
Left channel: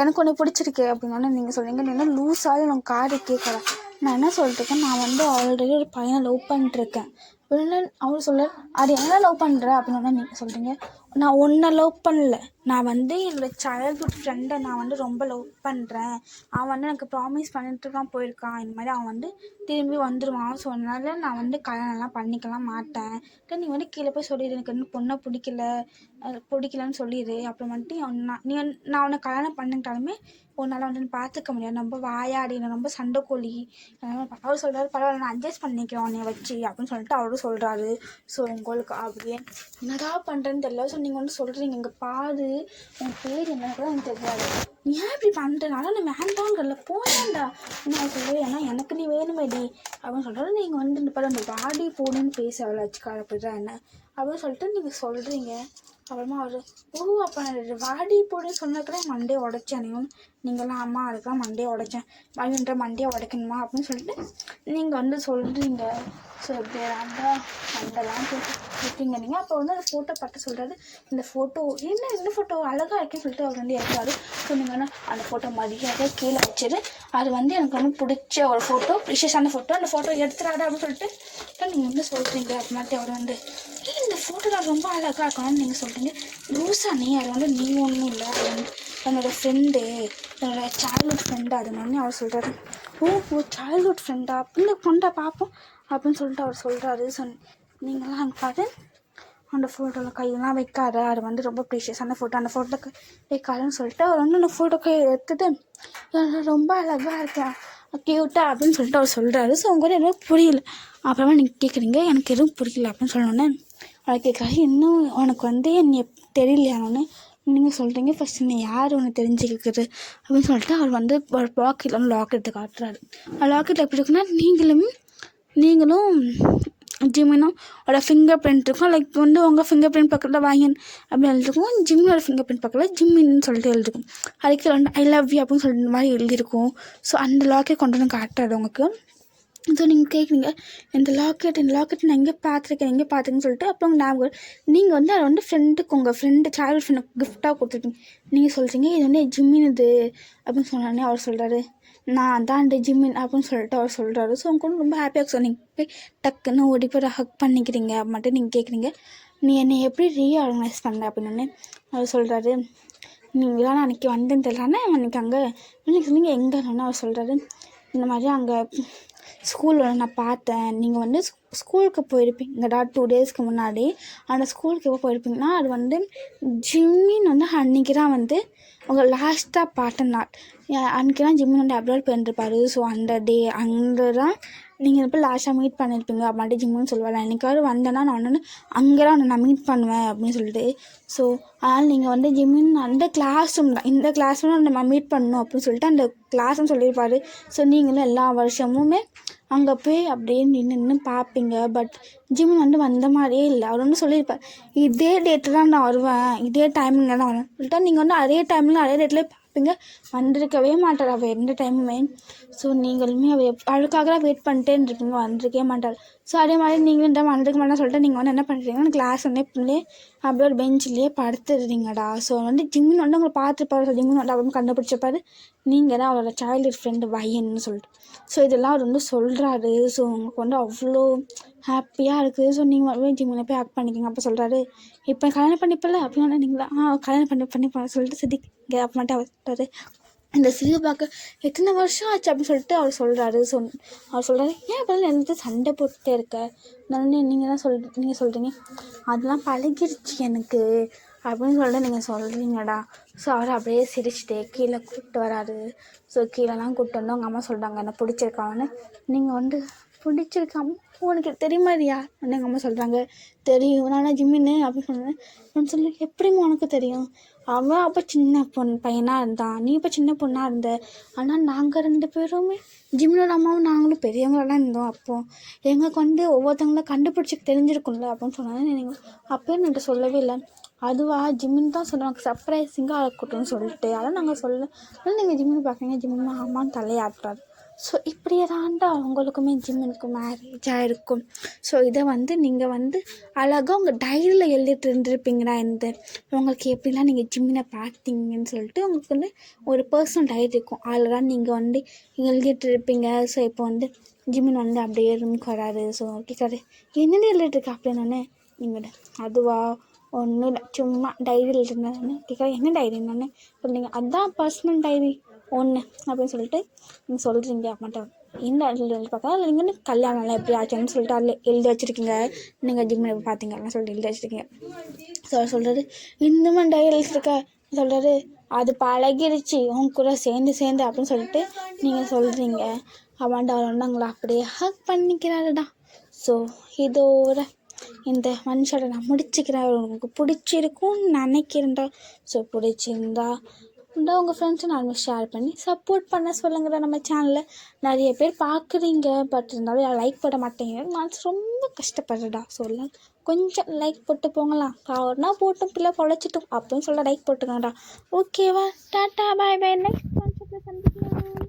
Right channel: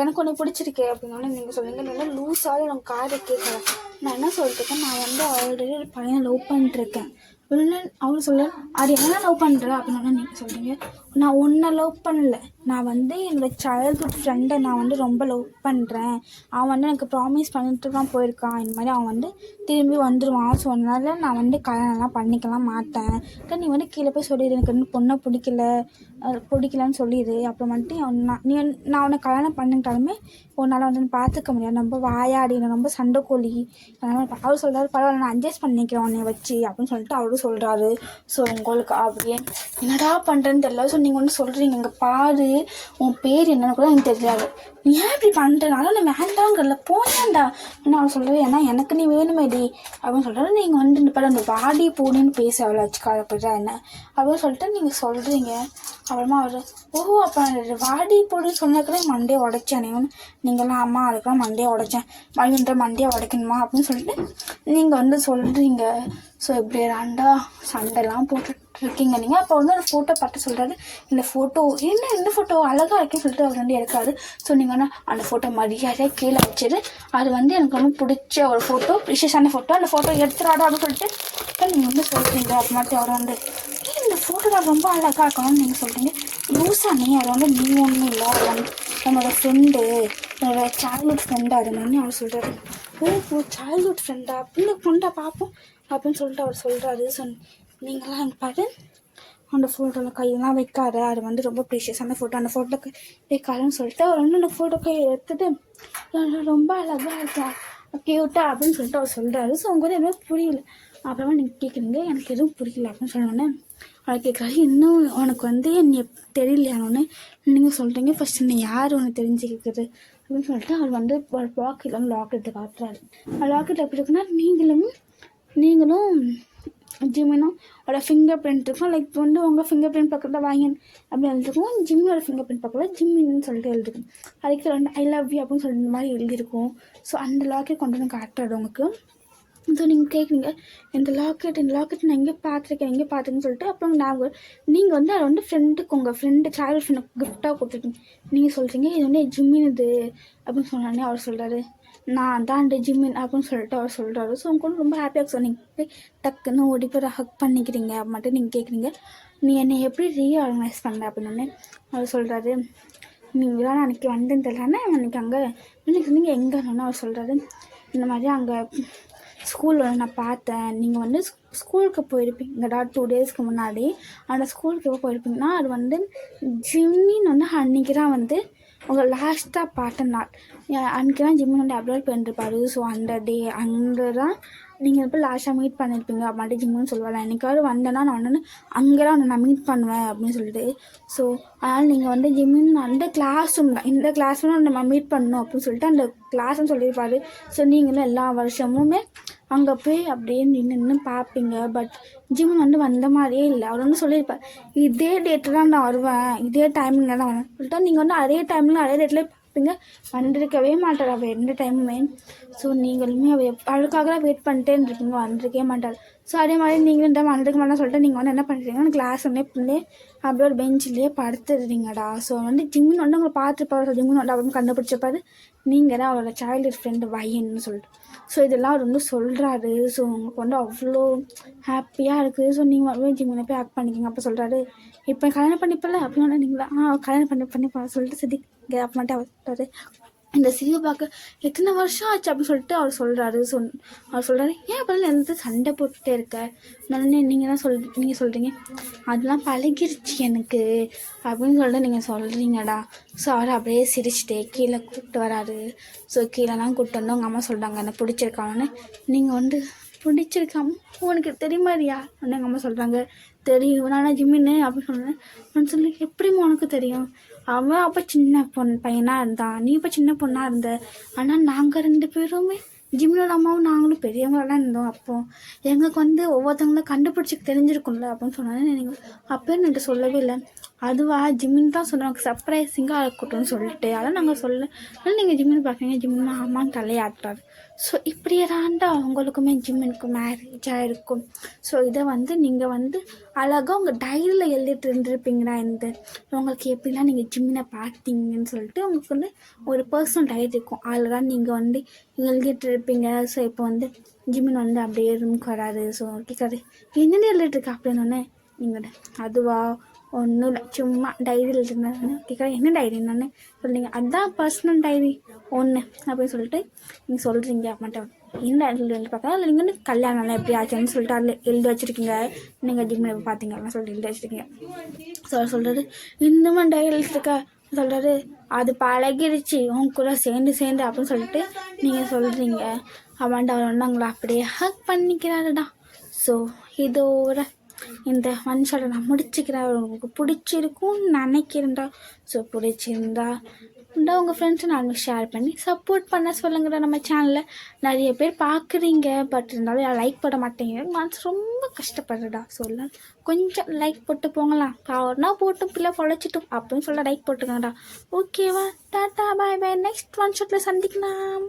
எனக்கு ஒன்று பிடிச்சிருக்கு அப்படின்னா நீங்கள் சொல்கிறீங்க, நீ என்ன லூஸாக எனக்கு காரை கேட்குறேன். நான் என்ன சொல்லிட்டுருக்கேன், நான் வந்து ஆல்ரெடி ஒரு பையனை லவ் பண்ணிட்டுருக்கேன் அப்படின்னு அவர் சொல்கிறார். அது என்ன லவ் பண்ணுற அப்படின்னா நீங்கள் சொல்கிறீங்க, நான் ஒன்றை லவ் பண்ணல, நான் வந்து என்னோடய சைல்ட்ஹுட் ஃப்ரெண்டை நான் வந்து ரொம்ப லவ் பண்ணுறேன், அவன் வந்து எனக்கு ப்ராமிஸ் பண்ணிட்டு தான் போயிருக்கான், இந்த மாதிரி அவன் வந்து திரும்பி வந்துடுவான், ஸோ அதனால நான் வந்து கல்யாணம்லாம் பண்ணிக்கலாம் மாட்டேன், நீ வந்து கீழே போய் சொல்லிடு எனக்கு இன்னும் பொண்ணை பிடிக்கலன்னு சொல்லிடு, அப்புறம் வந்துட்டு நான் அவனை கல்யாணம் பண்ணிட்டாலுமே உன்னால் வந்து பார்த்துக்க முடியாது, ரொம்ப வாயாடி, நான் ரொம்ப சண்டைக்கோழி. அவர் சொல்கிறாரு, பரவாயில்ல நான் அட்ஜஸ்ட் பண்ணிக்கிறேன் உன்னை வச்சு அப்படின்னு சொல்லிட்டு அவரும் சொல்கிறாரு. ஸோ உங்களுக்கு அப்படியே என்னடா பண்ணுறேன்னு தெரியல. ஸோ நீங்கள் ஒன்று சொல்கிறீங்க, இங்கே பாரு உன் பேர் என்னன்னு கூட எனக்கு தெரியாது, நீ ஏன் இப்படி பண்ணுறனால நான் வேண்டாங்கிறல போனேன்டா நான் சொல்லுவேன், ஏன்னா எனக்கு நீ வேணுமேடி அப்படின்னு சொல்கிறாரு. நீங்கள் வந்து இந்த படம் அந்த வாடி பூனின்னு பேச அவ்வளோ வச்சுக்காதப்படுறா என்ன அப்படின்னு சொல்லிட்டு நீங்கள் சொல்கிறீங்க. அப்புறமா அவர் அப்போ வாடி பூடின்னு சொன்னதுக்குள்ள மண்டையை உடைச்சேனேன்னு நீங்களாம் அம்மா அதுக்கெல்லாம் மண்டையை உடைச்சேன் மகிழ்ன்ற மண்டையை உடைக்கணுமா அப்படின்னு சொல்லிட்டு நீங்கள் வந்து சொல்கிறீங்க. ஸோ இப்படி ரெண்டா சண்டைலாம் போட்டு இருக்கீங்க நீங்கள். அப்போ வந்து ஒரு ஃபோட்டோ பார்த்து சொல்கிறாரு, இந்த ஃபோட்டோ என்ன ஃபோட்டோ அழகாக இருக்குன்னு சொல்லிட்டு அவர் வந்து எடுத்தாரு. ஸோ நீங்கள் வந்து அந்த ஃபோட்டோ மரியாதையாக கீழே வச்சுரு, அது வந்து எனக்கு வந்து பிடிச்ச ஒரு ஃபோட்டோ, விசேஷமான ஃபோட்டோ, அந்த ஃபோட்டோ எடுத்துடாடா அப்படின்னு சொல்லிட்டு நீங்கள் வந்து சொல்கிறீங்க. அப்புறமாட்டி அவர் வந்து இந்த ஃபோட்டோவில் ரொம்ப அழகாக இருக்கணும்னு நீங்கள் சொல்கிறீங்க. லூஸா நீ அதை வந்து நீங்கள் ஒன்றும் இல்லை, அது வந்து என்னோடய ஃப்ரெண்டு, என்னோடய சைல்ட்ஹுட் ஃப்ரெண்டு அதுன்னு அவர் சொல்கிறாரு. சைல்ட்ஹுட் ஃப்ரெண்டா அப்படின்னு கொண்டா பார்ப்போம் அப்படின்னு சொல்லிட்டு அவர் சொல்கிறாரு. ஸோ நீங்களாம் பாரு அந்த ஃபோட்டோவில் கையெல்லாம் வைக்காத, அது வந்து ரொம்ப ப்ரீஷியஸான ஃபோட்டோ, அந்த ஃபோட்டோக்கு வைக்காதுன்னு சொல்லிட்டு அவர் வந்து அந்த ஃபோட்டோ கையை எடுத்துட்டு ரொம்ப அழகாக இருக்கா க்யூட்டாக அப்படின்னு சொல்லிட்டு அவர் சொல்கிறாரு. ஸோ உங்க கூட எதுவும் புரியல. அப்புறமா நீங்கள் கேட்குறீங்க எனக்கு எதுவும் புரியல அப்படின்னு சொன்னோன்னே அவர் கேட்குறாரு, இன்னும் உனக்கு வந்து என்னை தெரியலையானோன்னு நீங்கள் சொல்கிறீங்க, ஃபஸ்ட்டு நீ யார் ஒன்று தெரிஞ்சுக்கிறது அப்படின்னு சொல்லிட்டு அவர் வந்து ஒரு பாக்கெட்டில் வந்து லாக்கெட்டு காட்டுறாரு. லாக்கெட்டில் எப்படி இருக்குன்னா நீங்களும் ஜிம்மினும் ஒரு ஃபிங்கர் பிரிண்ட் இருக்கும், லைக் வந்து உங்கள் ஃபிங்கர் பிரிண்ட் பக்கத்தில் வாங்கி அப்படி எழுதிருக்கும், ஜிம்மினோட ஃபிங்கர் பிரிண்ட் பக்கத்தில் ஜிம்மின்னு சொல்லிட்டு எழுதிருக்கும், அதுக்கு வந்து ஐ லவ் யூ அப்படின்னு சொல்லிட்டு மாதிரி எழுதியிருக்கும். ஸோ அந்த லாக்கெட் கொண்டு வந்து காட்டுறாரு உங்களுக்கு. ஸோ நீங்கள் கேட்குறீங்க இந்த லாக்கெட் நான் எங்கே பார்த்துருக்கேன்னு சொல்லிட்டு அப்புறம் ஞாபகம் நீங்கள் வந்து அதை வந்து ஃப்ரெண்டுக்கு உங்கள் ஃப்ரெண்டு சைல்டு ஃப்ரெண்டுக்கு கிஃப்டாக கொடுத்துருக்கீங்க. நீங்கள் சொல்கிறீங்க இது வந்து ஜிம்மினுது அப்படின்னு சொன்னோடனே அவர் சொல்கிறாரு, நான் தான் அந்த ஜிம்மின் அப்படின்னு சொல்லிட்டு அவர் சொல்கிறாரு. ஸோ அவங்க ரொம்ப ஹாப்பியாக சொன்னீங்க போய் டக்குன்னு ஓடி போய் ஹக் பண்ணிக்கிறீங்க மட்டும் நீங்கள் கேட்குறீங்க, நீ என்னை எப்படி ரீஆர்கனைஸ் பண்ணுற அப்படின்னு அவர் சொல்கிறாரு. நீங்களாம் அன்றைக்கி வந்தேன்னு தெரியலன்னா அன்றைக்கி அங்கே நீங்கள் சொன்னீங்க எங்கேன்னு அவர் சொல்கிறாரு, இந்த மாதிரி அங்கே ஸ்கூலில் நான் பார்த்தேன், நீங்கள் வந்து ஸ்கூலுக்கு போயிருப்பீங்கடா 2 டேஸ்க்கு முன்னாடி, அந்த ஸ்கூலுக்கு எப்போ போயிருப்பீங்கன்னா அது வந்து ஜிம்மின் வந்து அன்றைக்கி தான் வந்து உங்கள் லாஸ்ட்டாக பார்த்த நாள், அன்றைக்கி தான் ஜிம்மின் வந்து அப்லோட் பண்ணிருப்பாரு. ஸோ அந்த டே அங்கே தான் நீங்கள் எப்போ லாஸ்ட்டாக மீட் பண்ணியிருப்பீங்க அப்படின்ட்டு ஜிம்முன்னு சொல்லுவாள், என்னைக்காவது வந்தேன்னா நான் வந்து அங்கே தான் நான் மீட் பண்ணுவேன் அப்படின்னு சொல்லிட்டு. ஸோ அதனால் நீங்கள் வந்து ஜிம்மின் அந்த கிளாஸ் ரூம் தான், இந்த கிளாஸ் ரூம் நம்ம மீட் பண்ணணும் அப்படின்னு சொல்லிட்டு அந்த கிளாஸ்ன்னு சொல்லியிருப்பாரு. ஸோ நீங்களும் எல்லா வருஷமுமே அங்கே போய் அப்படியே நின்று பார்ப்பீங்க. பட் ஜிம்மின் வந்து வந்த மாதிரியே இல்லை, அவர் வந்து சொல்லியிருப்பார் இதே டேட்டில் தான் நான் வருவேன், இதே டைமிங்கில் தான் வருவேன் சொல்லிட்டு நீங்கள் வந்து அதே டைமில் அதே டேட்டில் பார்ப்பீங்க, வந்திருக்கவே மாட்டார் அவர் எந்த டைமுமே. ஸோ நீங்களுமே அதுக்காக தான் வெயிட் பண்ணிட்டே இருப்பீங்க, வந்திருக்கவே மாட்டார். ஸோ அதே மாதிரி நீங்களும் இந்த வந்திருக்க மாட்டேன்னு சொல்லிட்டு நீங்கள் வந்து என்ன பண்ணுறீங்கன்னா கிளாஸ் வந்து இப்படியே அப்படியே ஒரு பெஞ்சிலே படுத்துடுறீங்கடா. ஸோ வந்து ஜிம்மின் வந்து உங்களை பார்த்துருப்பாரு, ஜிம்மின் வந்து அவரும் கண்டுபிடிச்சப்பாரு நீங்கள் தான் அவரோட சைல்டு ஃப்ரெண்டு வையன்னு சொல்லிட்டு. ஸோ இதெல்லாம் அவர் வந்து சொல்கிறாரு. ஸோ உங்களுக்கு வந்து அவ்வளோ ஹாப்பியாக இருக்குது. ஸோ நீங்கள் ஜிம்மில் போய் ஆக்ட் பண்ணிக்கிங்க. அப்போ சொல்கிறாரு, இப்போ கல்யாணம் பண்ணிப்பல அப்படின்னா நீங்களா கல்யாணம் பண்ணி சொல்லிட்டு சித்திங்க அப்படின்ட்டு அவர் சொல்கிறாரு. இந்த சிறு பார்க்க எத்தனை வருஷம் ஆச்சு அப்படின்னு சொல்லிட்டு அவர் சொல்கிறாரு. அவர் சொல்கிறாரு, ஏன் அப்படிலாம் எல்லாத்தையும் சண்டை போட்டுகிட்டே இருக்க, நான் நீங்கள் சொல்கிறீங்க அதெல்லாம் பழகிருச்சு எனக்கு அப்படின்னு சொல்லிட்டு நீங்கள் சொல்கிறீங்கடா. ஸோ அவர் அப்படியே சிரிச்சுட்டே கீழே கூப்பிட்டு வராரு. ஸோ கீழெல்லாம் கூப்பிட்டு வந்து அவங்க அம்மா சொல்கிறாங்க என்ன பிடிச்சிருக்கான்னு. நீங்கள் வந்து பிடிச்சிருக்காம உனக்கு தெரியுமாதிரியா வந்து எங்கள் அம்மா சொல்கிறாங்க, தெரியும் நானே ஜிம்மின்னு அப்படின்னு சொன்னேன். நான் சொல்லி எப்படிமா உனக்கு தெரியும், அவன் அப்போ சின்ன பையனாக இருந்தான், நீ இப்போ சின்ன பொண்ணாக இருந்த, ஆனால் நாங்கள் 2 பேருமே ஜிம்மினோட அம்மாவும் நாங்களும் பெரியவங்களெலாம் இருந்தோம், அப்போது எங்களுக்கு வந்து ஒவ்வொருத்தவங்களும் கண்டுபிடிச்சிக்கு தெரிஞ்சிருக்கும்ல அப்படின்னு சொன்னாங்க. நீங்கள் அப்போ எனக்கு சொல்லவே இல்லை, அதுவா ஜிம்மின் தான் சொன்னாங்க சர்ப்ரைசிங்காக இருக்கட்டும்னு சொல்லிட்டு, அதான் நாங்கள் சொல்ல. ஆனால் நீங்கள் ஜிம்மின் பார்க்குறீங்க, ஜிம்மின் ஆமான்னு தலையாட்டுறாரு. ஸோ இப்படியே தாண்டா அவங்களுக்குமே ஜிம்மினுக்கு மேரேஜ் ஆகிருக்கும். ஸோ இதை நீங்கள் அழகாக உங்கள் டைரியில் எழுதிட்டு இருந்திருப்பீங்கடா. உங்களுக்கு எப்படிலாம் நீங்கள் ஜிம்மினை பார்த்தீங்கன்னு சொல்லிட்டு உங்களுக்கு ஒரு பர்சனல் டைரி இருக்கும். அதில் தான் நீங்கள் எழுதிட்டு இருப்பீங்க. ஸோ இப்போ ஜிம்மின் அப்படியே ரூமுக்கு வராது. ஸோ கேட்காது என்னென்ன எழுதிட்டுருக்கா அப்படின்னோடனே நீங்கள் அதுவா ஒன்றும் இல்லை சும்மா டைரியில் எழுதிருந்தேன் கேட்காது என்ன டைரி என்னன்னு சொல்கிறீங்க. அதுதான் பர்சனல் டைரி ஒன்று அப்படின்னு சொல்லிட்டு நீங்கள் சொல்கிறீங்க. மட்டும் என்ன எழுதி பார்க்கலாம் இல்லை நீங்கள் கல்யாணம்லாம் எப்படி ஆச்சுன்னு சொல்லிட்டு அதில் எழுதி வச்சுருக்கீங்க. நீங்கள் ஜிம்மில் பார்த்தீங்கன்னு சொல்லிட்டு எழுதி வச்சுருக்கீங்க. சொல்கிறது இன்னும் டைரி எழுதிருக்கா சொல்கிறாரு அது பழகிடுச்சு உன் கூட சேர்ந்து அப்படின்னு சொல்லிட்டு நீங்கள் சொல்கிறீங்க. அவன்டா ஒன்றாங்களா அப்படியே ஹக் பண்ணிக்கிறாருடா. ஸோ இதோட இந்த ஒன் ஷாட்டை நான் முடிச்சுக்கிறேன். உங்களுக்கு பிடிச்சிருக்கும்னு நினைக்கிறேன்டா. ஸோ பிடிச்சிருந்தா உங்கள் ஃப்ரெண்ட்ஸை நான் ஷேர் பண்ணி சப்போர்ட் பண்ண சொல்லுங்கடா. நம்ம சேனலில் நிறைய பேர் பார்க்குறீங்க, பட் இருந்தாலும் லைக் போட மாட்டேங்க. நான் ரொம்ப கஷ்டப்படுறேடா. சொல்ல கொஞ்சம் லைக் போட்டு போங்களாம். காவர்னா போட்டும் பிள்ளை பொழைச்சிட்டும் அப்படின்னு சொல்ல லைக் போட்டுக்கோங்கடா. ஓகேவா? டாட்டா பாய் பாய். நெக்ஸ்ட் ஒன் ஷாட்டில் சந்திக்கலாம்.